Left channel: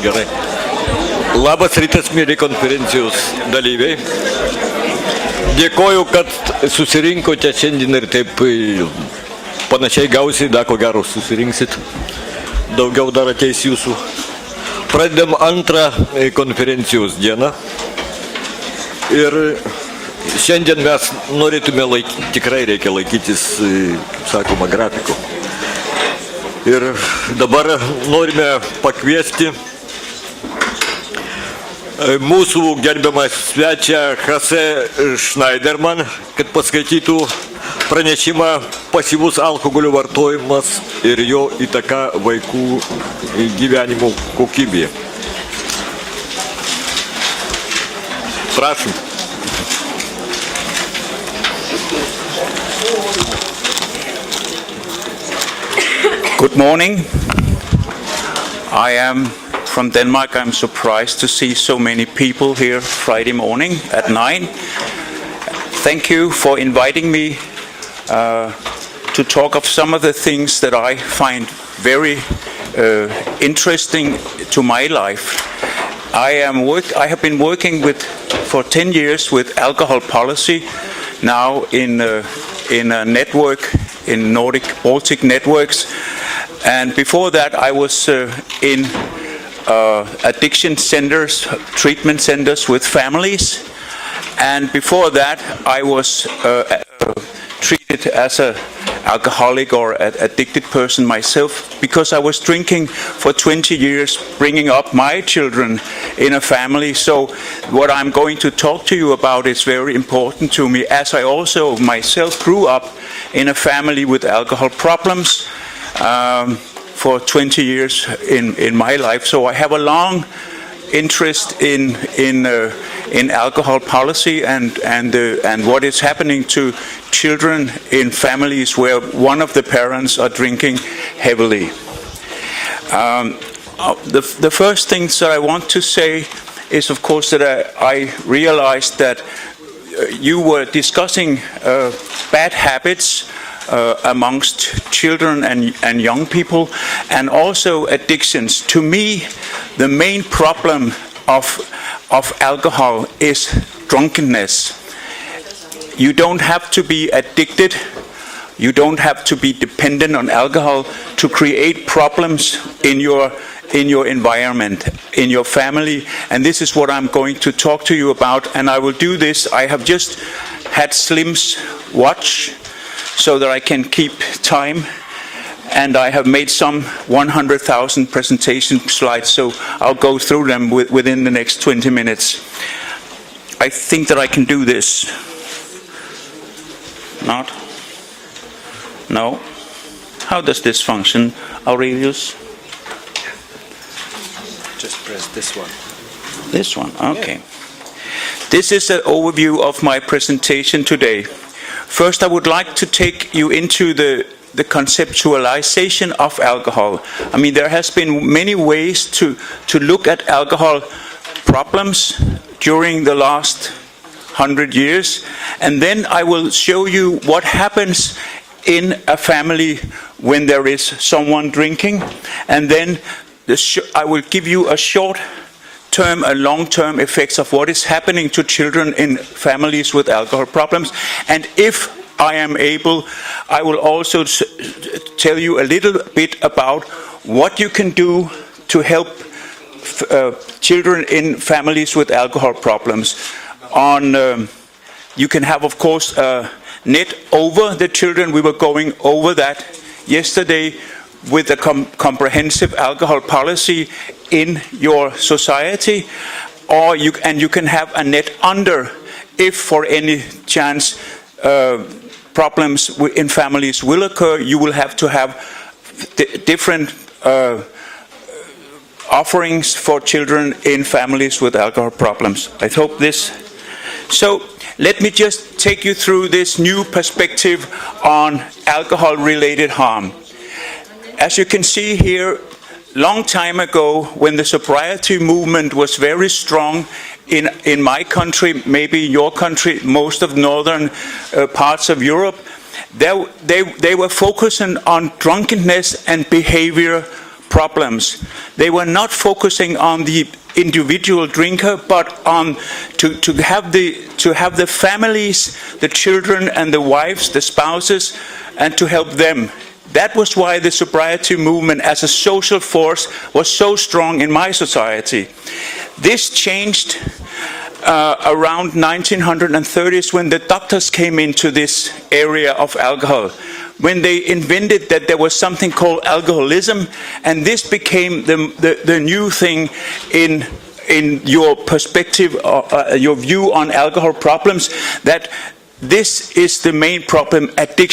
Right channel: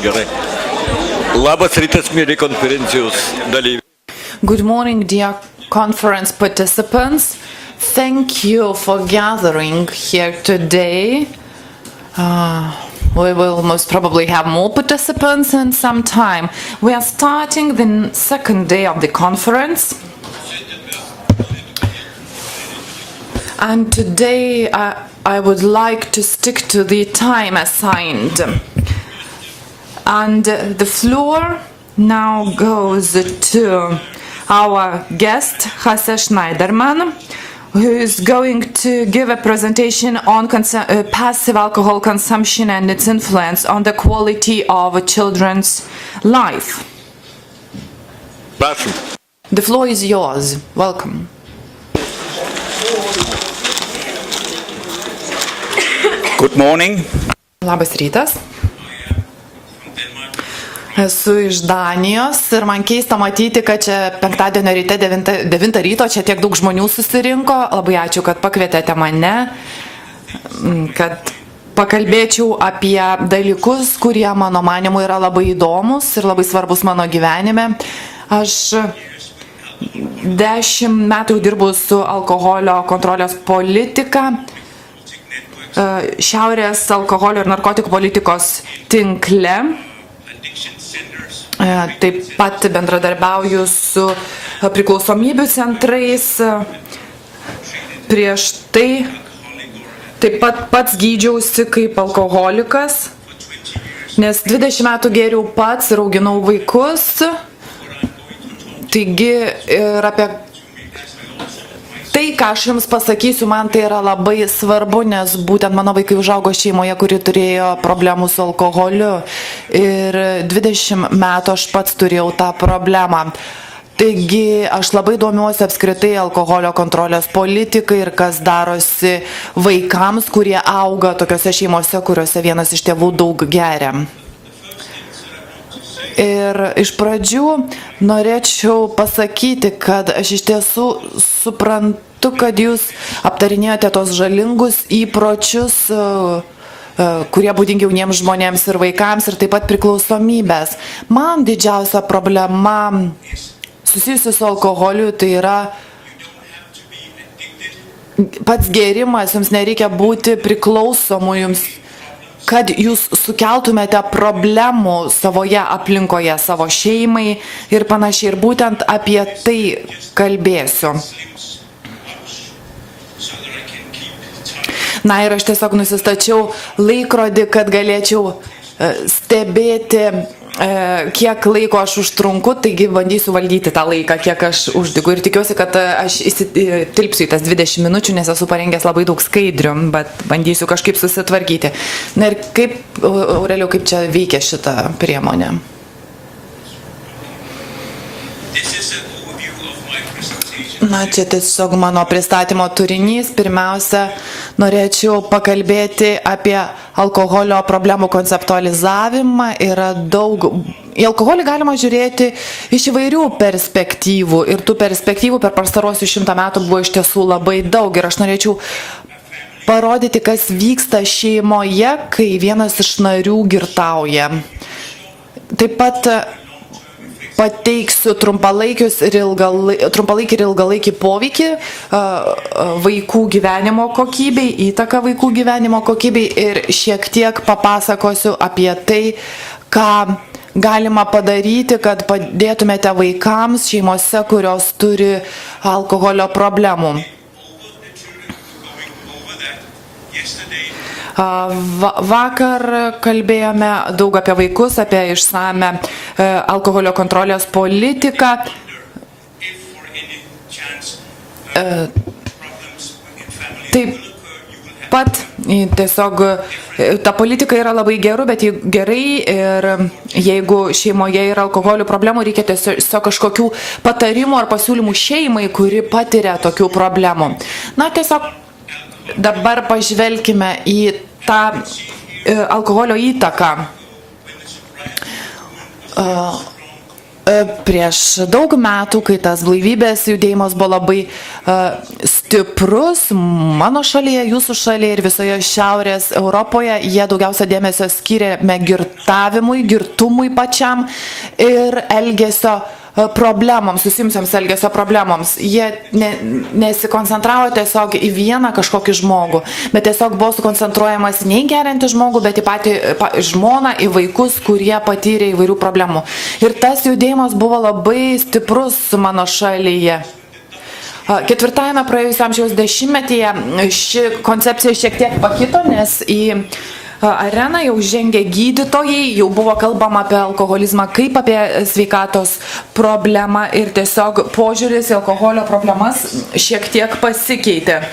Gerai. Labas rytas, mėly konferencijos dalyviai. Dėkoju, kad susirinkote šiandien ir taip panašiai gausiai, ko gero susirinksit. Daugiau dar ateis jūsų. Pradedam antrą konferencijos dieną. Ir šiandien mes norėtume tikrai reikia laikytis sakoma grafiko. Ir dabar norime pakviesti mūsų gerbiamą svečią Hasse Schneiderman, kad paskaitytų pranešimą pasyvus alkoholio vartojimas ir jo įtaka vaikų gyvenimo kokybei. Prašom. The floor is yours. Welcome. Good morning. Labas rytas. I am from Denmark. I'm surprised to see so many people here Friday morning at 9. Thank you for inviting me to talk of some of the things that I find very interesting to my life. I have been working for 10 years with alcohol policy, now in a network, in Nordic Baltic networks, and before that I was in addiction centers, treatment centers with families, and before that I was treated as an alcoholic or an addicted person myself because I was drinking for 20 years, bringing up my children in a family. So what I'm going to talk to you about is very important to me, as I also myself grew up in a family with alcohol problems for 20 years in my life. So I have a long interest in alcohol policy and what is happening to children in families where one of the parents are drinking heavily. The first things that I want to say is, of course, that I realized that you were discussing bad habits amongst children and young people, and also addictions. To me, the main problem of alcohol is drunkenness. You don't have to be addicted. You don't have to be dependent on alcohol to create problems in your environment, in your family. And this is what I'm going to talk to you about. And I will do this. I have just had Slim's watch so that I can keep time. And I have made some 100,000 presentation slides, so I'll go through them within the next 20 minutes. I think that I can do this. Ir tikiuosi, kad aš įsitilpsiu į tas 20 minučių, nes esu parengęs labai daug skaidrių, bet bandysiu kažkaip susitvarkyti. Na ir kaip, Aurelijau, kaip čia veikia šita priemonė? This one, okay. This is an overview of my presentation today. First, I would like to take you into the conceptualization of alcohol. I mean, there has been many ways to look at alcohol problems during the last 100 years. And then I will show you what happens in a family when there is someone drinking. And then I will give you a short-term and long-term effects of what is happening to children in families with alcohol problems. And if I am able, I will also tell you a little bit about what you can do to help ką galima padaryti, kad padėtumėte vaikams šeimose, kurios turi alkoholio problemų. Vakar kalbėjome daug apie vaikus, apie išsame alkoholio kontrolės politiką. Problems in families will occur, you will have to have different ta politika yra labai geru, bet gerai ir jeigu šeimoje yra alkoholio problemų, reikia tiesiog kažkokių patarimų ar pasiūlymų šeimai, kuri patiria tokių problemų. Na, tiesiog dabar pažvelkime į tą alkoholio įtaką. Prieš daug metų, kai tas blaivybės judėjimas buvo labai stiprus, mano šalyje, jūsų šalyje ir visoje Šiaurės Europoje, jie daugiausia dėmesio skyrėme girtavimui, girtumui pačiam ir elgesio problemams, susimsiams elgesio problemams. Jie nesikoncentravo tiesiog į vieną kažkokį žmogų, bet tiesiog buvo koncentruojamas ne gerantį žmogų, bet į patį žmoną, į vaikus, kurie patyrė įvairių problemų. Ir tas judėjimas buvo labai stiprus mano šalyje. Ketvirtajame praėjusio amžiaus dešimtmetyje ši koncepcija šiek tiek pakito, nes į areną jau žengė gydytojai, jau buvo kalbama apie alkoholizmą kaip apie sveikatos problemą ir tiesiog požiūris į alkoholio problemas šiek tiek pasikeitė.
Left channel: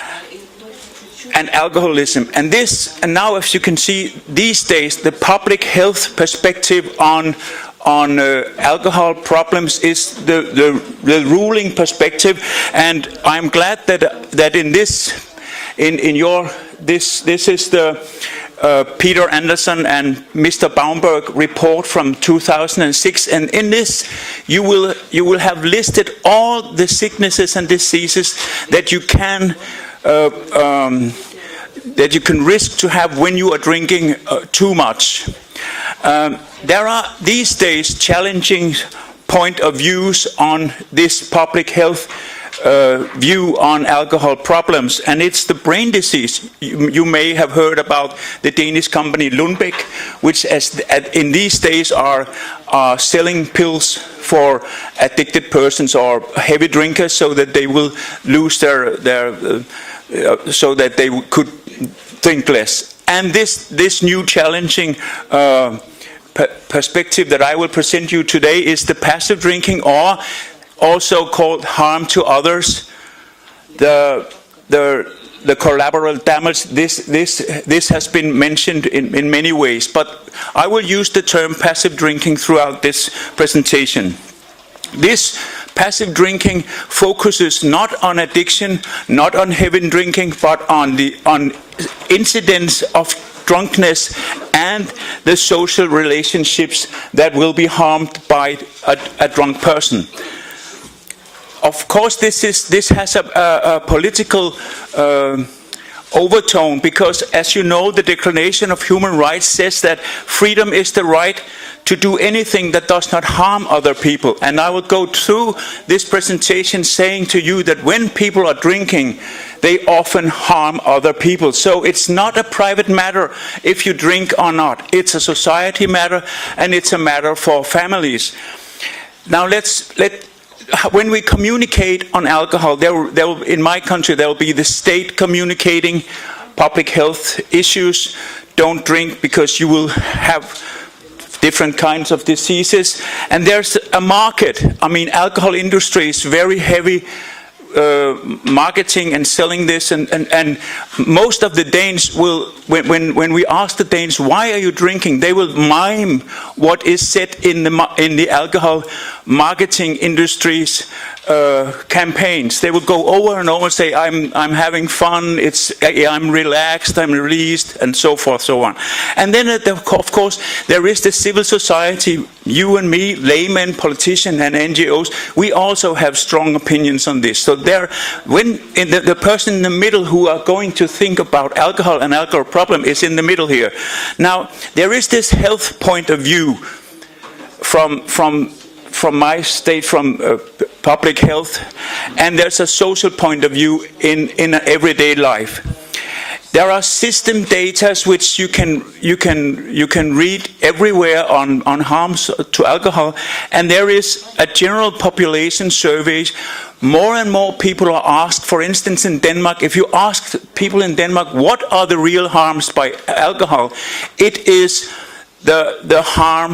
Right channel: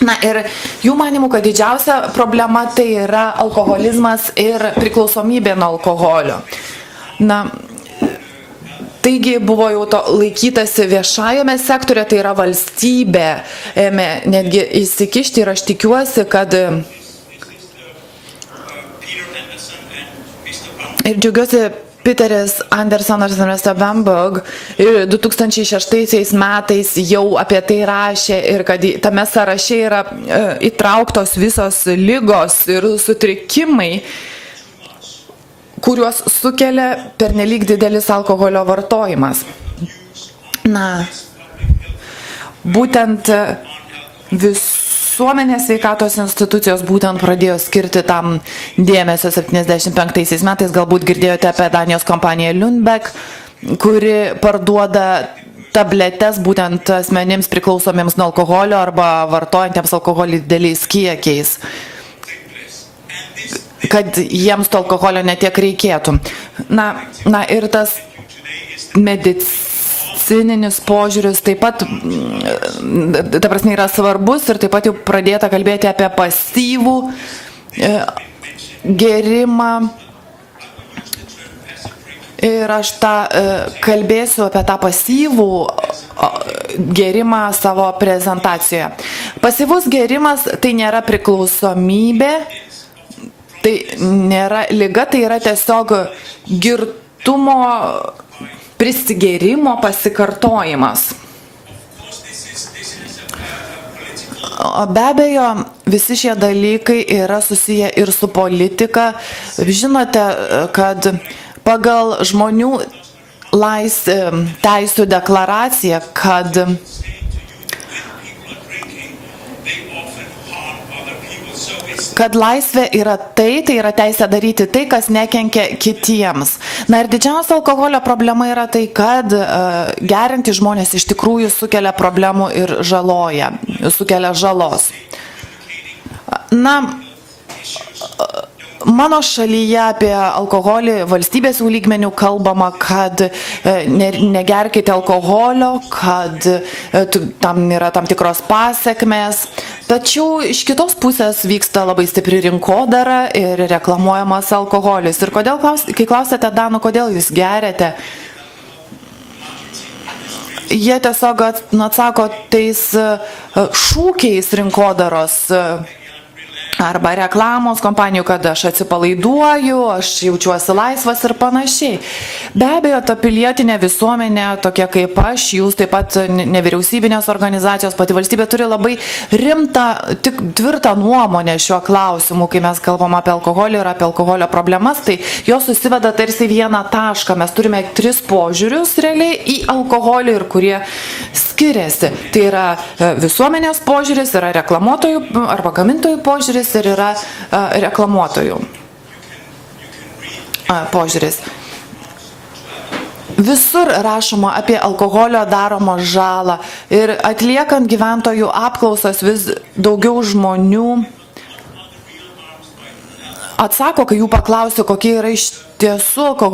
Na ir jų manimų, kad didžiausia problema tai yra alkoholizmas ir priklausomybė nuo alkoholio. Taigi buvo jau to laikytasi viešajame sektoriuje, tai yra valstybė netgi įsikišti ir aš tikiuosi, kad Peter Anderson and Mr. Baumberg report from 2006, and in this you will have listed all the sicknesses and diseases that you can risk to have when you are drinking too much. There are these days challenging point of views on this public health view on alcohol problems, and it's the brain disease. You may have heard about the Danish company Lundbeck, which in these days are selling pills for addicted persons or heavy drinkers so that they will lose so that they could drink less. And this new challenging perspective that I will present you today is the passive drinking, or also called harm to others. The collateral damage. This has been mentioned in many ways, but I will use the term passive drinking throughout this presentation. This passive drinking focuses not on addiction, not on heavy drinking, but on incidents of drunkenness and the social relationships that will be harmed by a drunk person. Of course, this has a political overtone, because, as you know, the Declaration of Human Rights says that freedom is the right to do anything that does not harm other people. And I will go through this presentation saying to you that when people are drinking, they often harm other people. So it's not a private matter if you drink or not. It's a society matter, and it's a matter for families. Now when we communicate on alcohol, in my country there will be the state communicating public health issues. Don't drink because you will have different kinds of diseases. And there's a market. I mean, alcohol industry is very heavy marketing and selling this, and most of the Danes will, when we ask the Danes why are you drinking, they will mime what is said in the alcohol marketing industries campaigns. They will go over and over and say, I'm having fun, I'm relaxed, I'm released, and so forth, so on. And then, of course, there is the civil society. You and me, laymen, politicians, and NGOs, we also have strong opinions on this. So the person in the middle who are going to think about alcohol and alcohol problem is in the middle here. Now, there is this health point of view from might stay from public health, and there's a social point of view in everyday life. There are system data which you can read everywhere on harms to alcohol, and there is a general population survey. More and more people are asked, for instance, in Denmark, if you ask people in Denmark, what are the real harms by alcohol? It is the harm.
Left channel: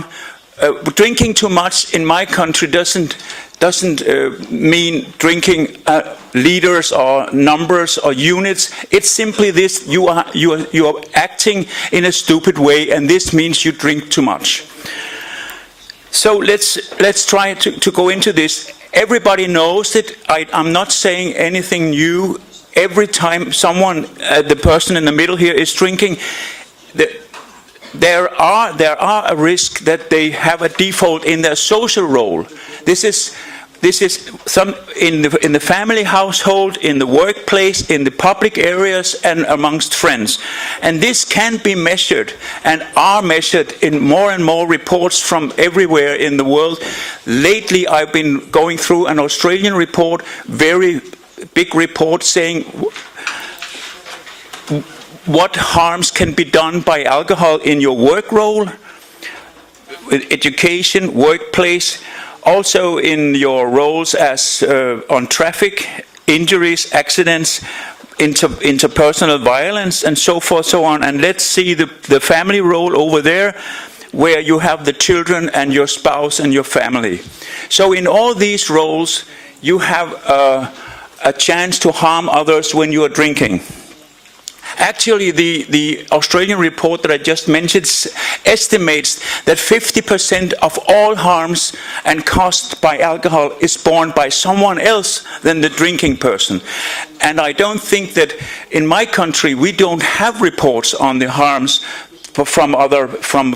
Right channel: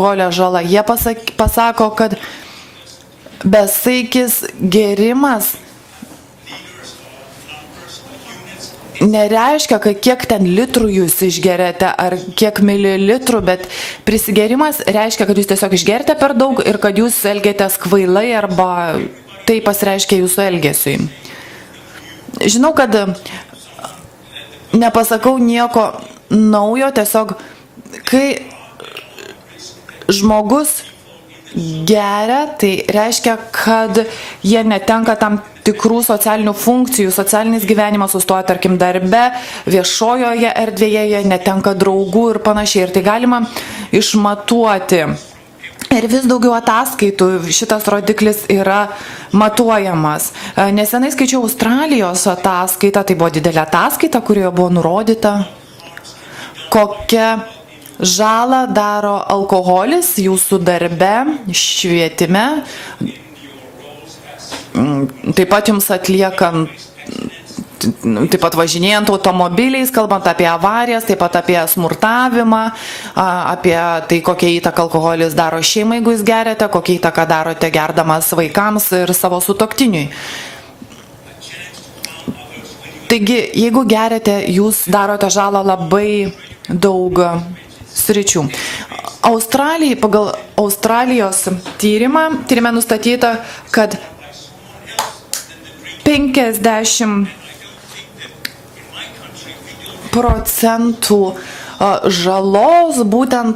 Drinking too much in my country doesn't mean drinking liters or numbers or units. It's simply this: you're acting in a stupid way, and this means you drink too much. So let's try to go into this. Everybody knows it. I'm not saying anything new. Every time someone, the person in the middle here, is drinking, there are a risk that they have a default in their social role. This is some in the family household, in the workplace, in the public areas, and amongst friends. And this can be measured and are measured in more and more reports from everywhere in the world. Lately, I've been going through an Australian report, very big report saying what harms can be done by alcohol in your work role, with education, workplace, also in your roles as on traffic, injuries, accidents, interpersonal violence, and so forth, so on. And let's see the family role over there, where you have the children and your spouse and your family. So in all these roles, you have a chance to harm others when you are drinking. Actually, the Australian report that I just mentioned estimates that 50% of all harms and costs by alcohol is borne by someone else than the drinking person. And I don't think that in my country we don't have reports on the harms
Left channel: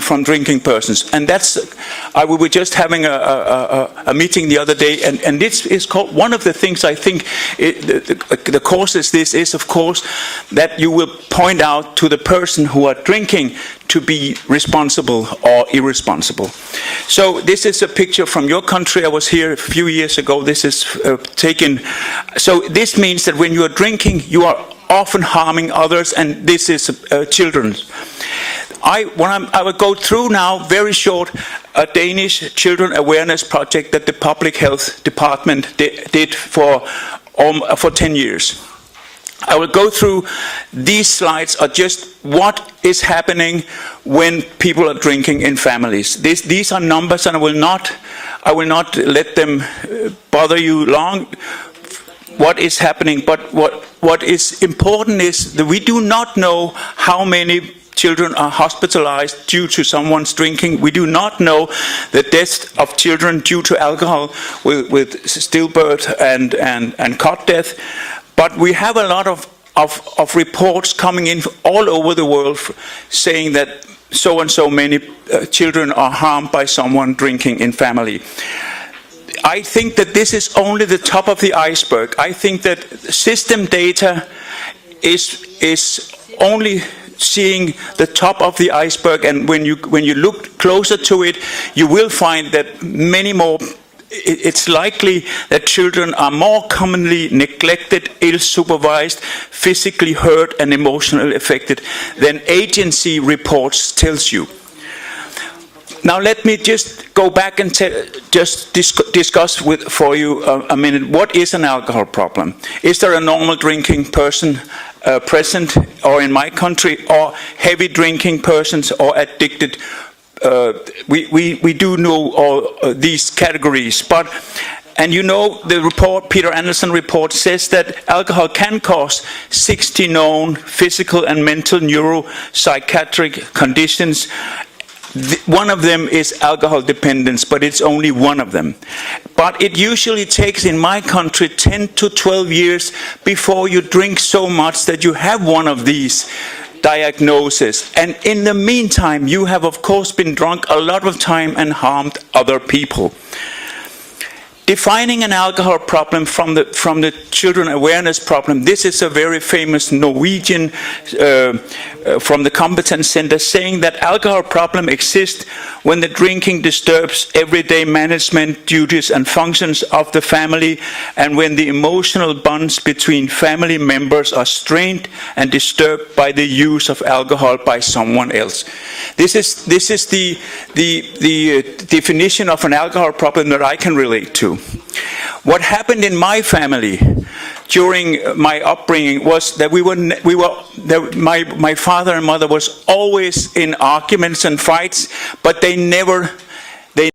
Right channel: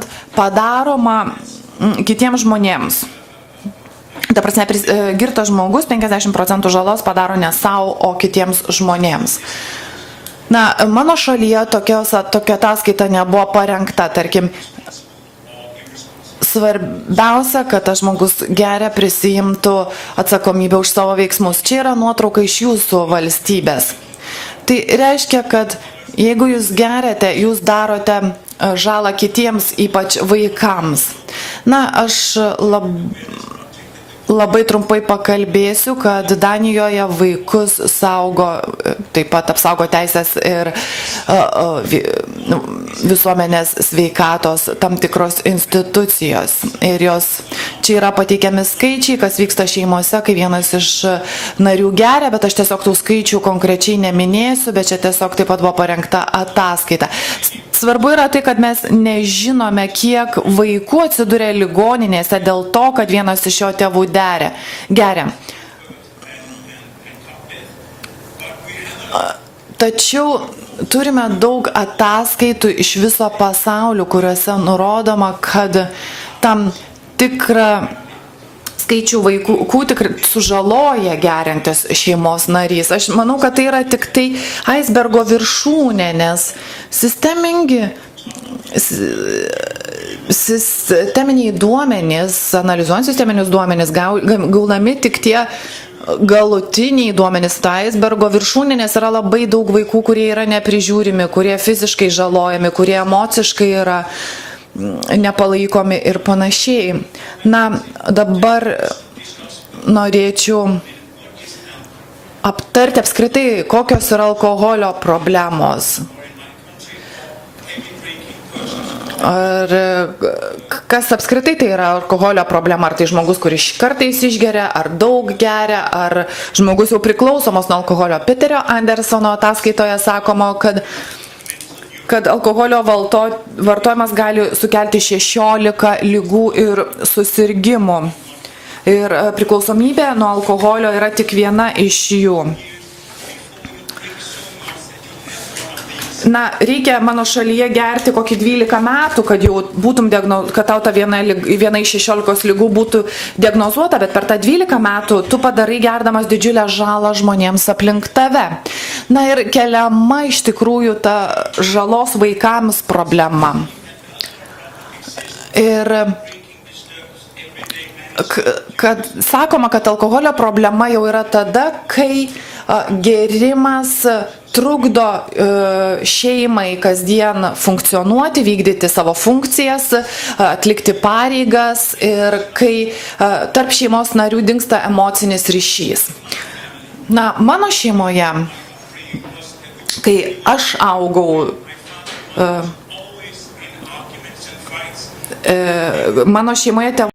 from drinking persons. And that's we were just having a meeting the other day, and this is one of the things I think. The cause of this is, of course, that you will point out to the person who are drinking to be responsible or irresponsible. So this is a picture from your country. I was here a few years ago. This is taken. So this means that when you are drinking, you are often harming others, and this is children. I will go through now, very short, a Danish children awareness project that the public health department did for 10 years. I will go through these slides are just what is happening when people are drinking in families. These are numbers, and I will not let them bother you long. What is happening, but what is important is that we do not know how many children are hospitalized due to someone's drinking. We do not know the death of children due to alcohol, with stillbirth and cot death. But we have a lot of reports coming in all over the world saying that so and so many children are harmed by someone drinking in family. I think that this is only the top of the iceberg. I think that system data is only seeing the top of the iceberg, and when you look closer to it, you will find that many more. It's likely that children are more commonly neglected, ill-supervised, physically hurt, and emotionally affected than agency reports tells you. Now let me just go back and discuss for you a minute. What is an alcohol problem? Is there a normal drinking person present, or in my country, or heavy drinking persons, or addicted? We do know these categories, and you know the report, Peter Anderson report, says that alcohol can cause 60 known physical and mental neuropsychiatric conditions. One of them is alcohol dependence, but it's only one of them. But it usually takes, in my country, 10 to 12 years before you drink so much that you have one of these diagnoses. And in the meantime, you have, of course, been drunk a lot of time and harmed other people. Defining an alcohol problem from the children awareness problem, this is a very famous Norwegian from the Competence Center saying that alcohol problem exists when the drinking disturbs everyday management duties and functions of the family, and when the emotional bonds between family members are strained and disturbed by the use of alcohol by someone else. This is the definition of an alcohol problem that I can relate to. What happened in my family during my upbringing was that my father and mother was always in arguments and fights, but they never